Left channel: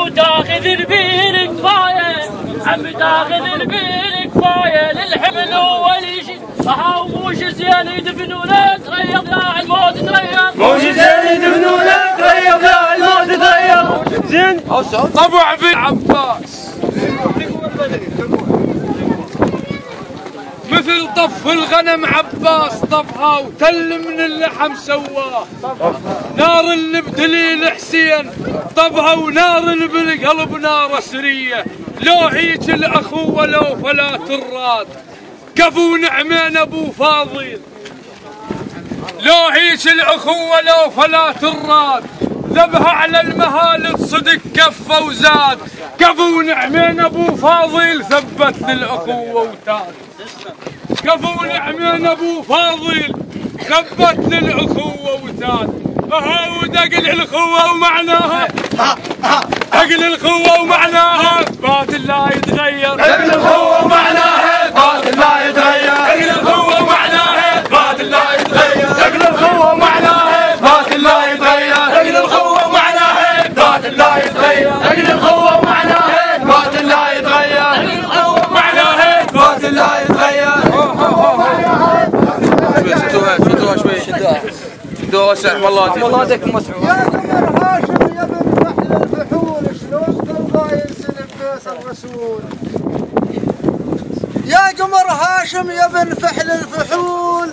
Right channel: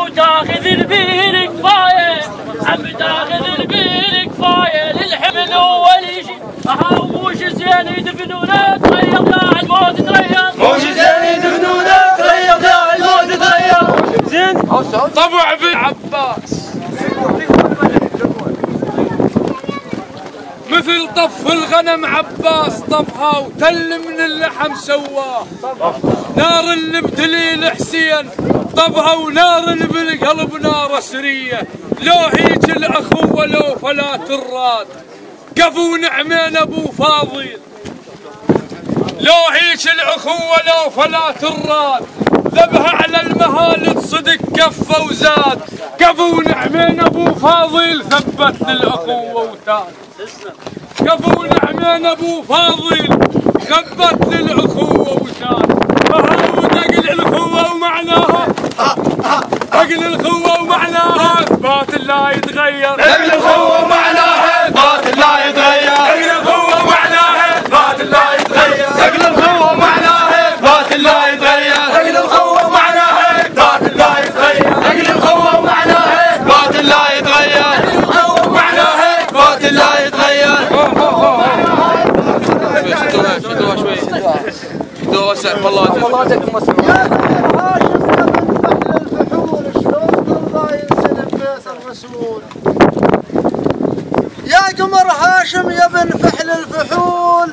وتاخذ البير كفايه عم تاخذ البير كفايه للحمل اول شيء وش زين يدفنونه تغير لا الموت تغير وش زين يدفنونه تغير لا الموت تغير زين طبع بن عباس مثل طف الغنم عباس طفها وتل من اللحم سواه نار اللي بتليل حسين طفها ونار اللي بالقلب نار سريه لو هيج الاخوه لو فلات الراد كفو نعمين ابو فاضل لو هيج الاخوه لو فلات الراد ذبها على المهالك صدق كفه وزاد كفو نعمين ابو فاضل ثبت للاخوه وتاد كفو نعمين ابو فاضل ثبت للاخوه وتاد فهو دقل الاخوه ومعناها دقل الاخوه ومعناها اثبات لا يتغير دقل الاخوه ومعناها اثبات لا يتغير دقل الاخوه ومعناها اثبات لا يتغير دقل الاخوه ومعناها اثبات لا يتغير دقل الاخوه ومعناها اثبات لا يتغير دقل الاخوه ومعناها اثبات لا يتغير دقل الاخوه ومعناها اثبات لا يتغير والله دك مسعود يا قمر هاشم يا بن فحل الفحول شلون ترضى ينسلب بيت الرسول يا قمر هاشم يا بن فحل الفحول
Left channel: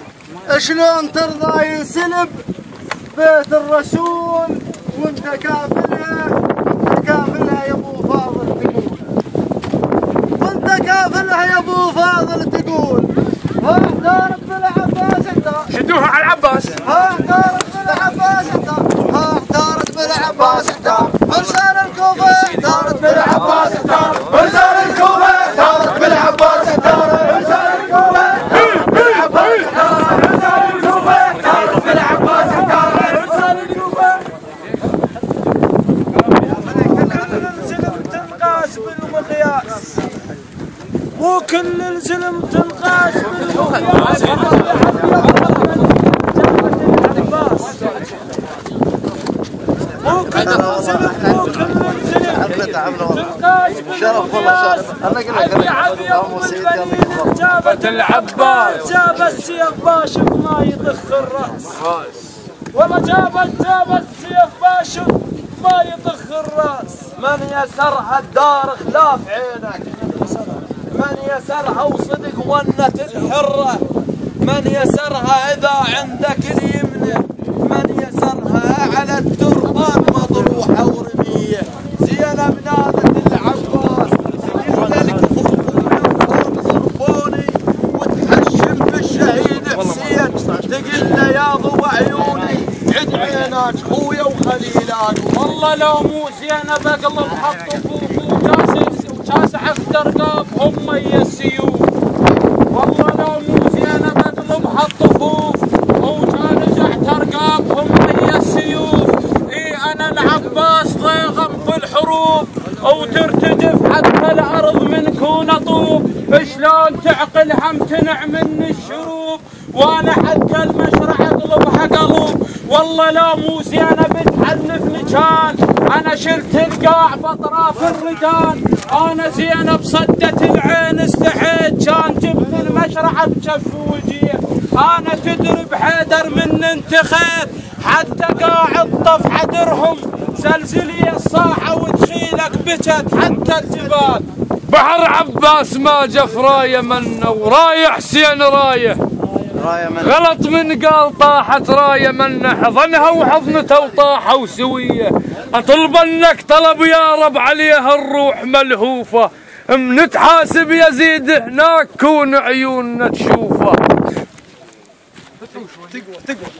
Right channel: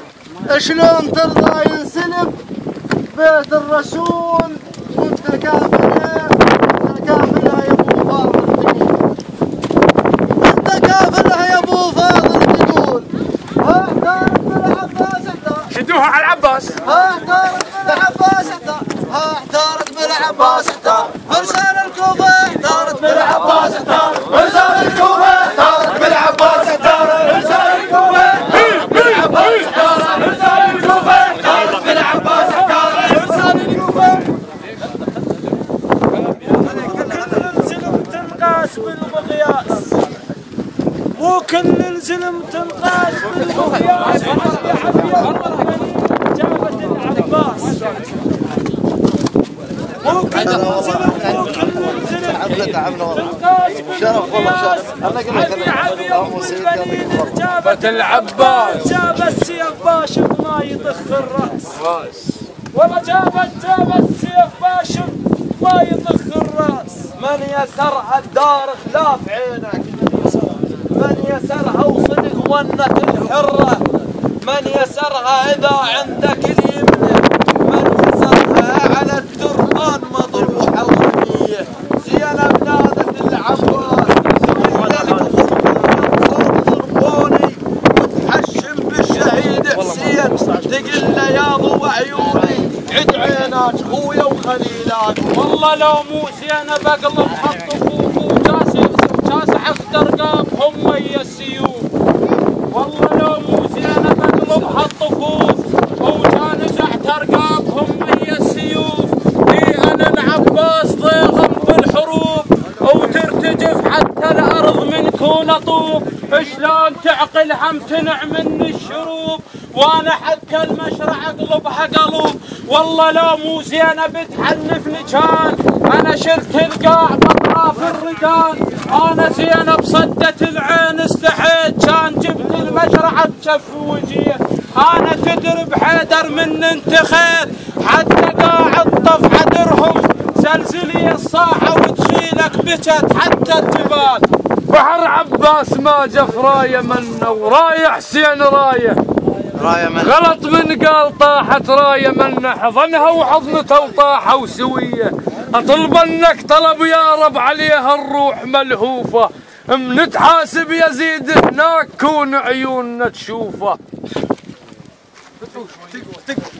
شلون ترضى ينسلب بيت الرسول وانت كافلها يا ابو فاضل تقول انت كافلها يا ابو فاضل تقول واحتارت بالعباس احتار شدوها على العباس احتارت بالعباس احتار احتارت بالعباس احتار فرسان الكوفه احتارت بالعباس احتار فرسان الكوفه احتارت بالعباس احتار فرسان الكوفه بالعباس احتار فرسان الكوفه احتارت بالعباس احتار فرسان الكوفه الزلم تنقاس بالمقياس مو كل الزلم تنقاس بالمقياس مو كل الزلم تنقاس بالمقياس جابت العباس جاب السيف باشق ما يضخ الراس والله جاب السيف باشق ما يضخ الراس من يسرها الدار خلاف عينك من يسرها وصدق ونك الحرة من يسرها إذا عندك اليمنة من يسرها على التربان مطروحة ورمية زينب نادت العباس إلا الكفر ضربوني وتهشم بالشهيد حسين تقل له يا ضوء عيوني عد عيناك خويا وخليلاك والله لو مو زينب اقلب خط طفوف وكاسح ترقابهم مي السيوف والله لو مو زينب اقلب خط طفوف وكاسح ترقابهم مي السيوف اي انا العباس ضيغم في الحروب وترتجف حتى الارض من كون اطوف شلون تعقل هم تنع من الشروب وانا حتى المشرع اقلبها قلوب والله لو مو زينب تحنفني كان انا شلت القاع باطراف الردان انا زينب صدت العين استحيت كان جبت المشرع بكف وجيه انا تدري بحيدر من انتخيت حتى قاعد طف عدرهم زلزلي الصاحه وتشيلك بكت حتى الجبال بحر عباس ما جف رايه منه ورايه حسين رايه غلط من قال طاحت رايه منه حضنها وحضنته وطاحوا سويه اطلبنك طلب يا رب عليها الروح ملهوفه من تحاسب يزيد هناك كون عيوننا تشوفه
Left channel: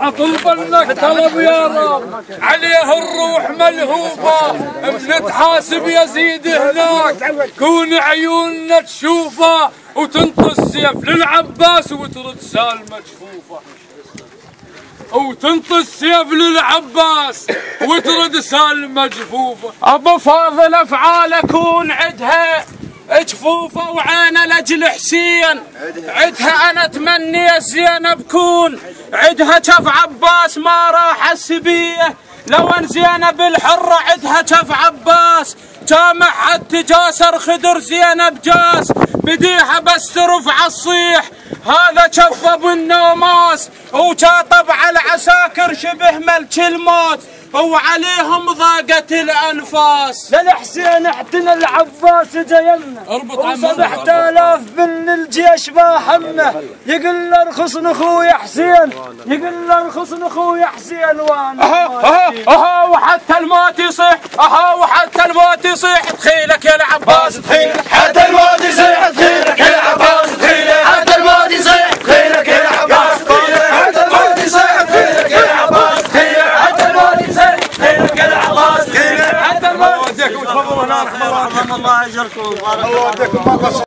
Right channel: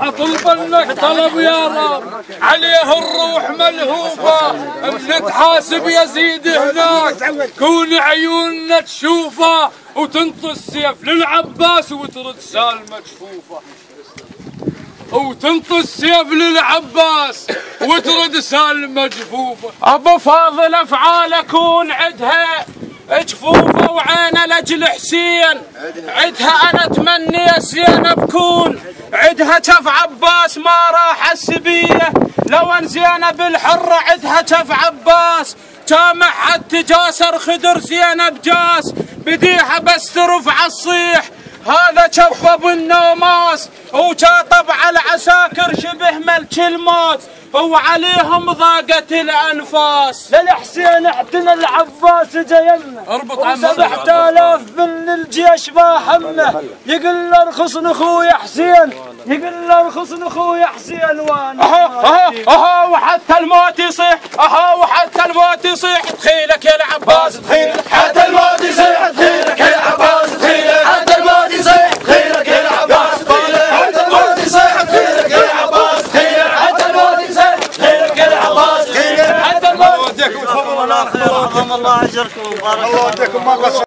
اطلبنك طلب يا رب عليها الروح ملهوفه من تحاسب يزيد هناك كون عيوننا تشوفه وتنطي السيف للعباس وترد سالمه جفوفه وتنطي السيف للعباس وترد سالمه جفوفه ابو فاضل افعال اكون عدها جفوفه وعينه لاجل حسين عدها انا اتمنى يا زينب كون عدها شف عباس ما راح السبيه لو ان زينب الحره عدها شف عباس جامع حتى جاسر خدر زينب جاس بديها بس ترفع الصيح هذا شف ابو النوماس وشاطب على العساكر شبه ملك الموت وعليهم ضاقت الانفاس. للحسين اعتنى العباس جايلنا و7000 من الجيش ما حمه يقول له ارخص اخوي حسين يقول له ارخص اخوي حسين وانا اها وحتى الموت يصيح اها وحتى الموت يصيح دخيلك يا العباس دخيلك حتى الموت يصيح دخيلك يا العباس دخيلك حتى الموت يصيح دخيلك يا العباس دخيلك حتى الموت يصيح دخيلك يا العباس دخيلك حتى الموت يصيح دخيلك يا العباس دخيلك حتى الموت. الله يهديكم وتفضلوا الله يرحم الله اجركم الله يهديكم.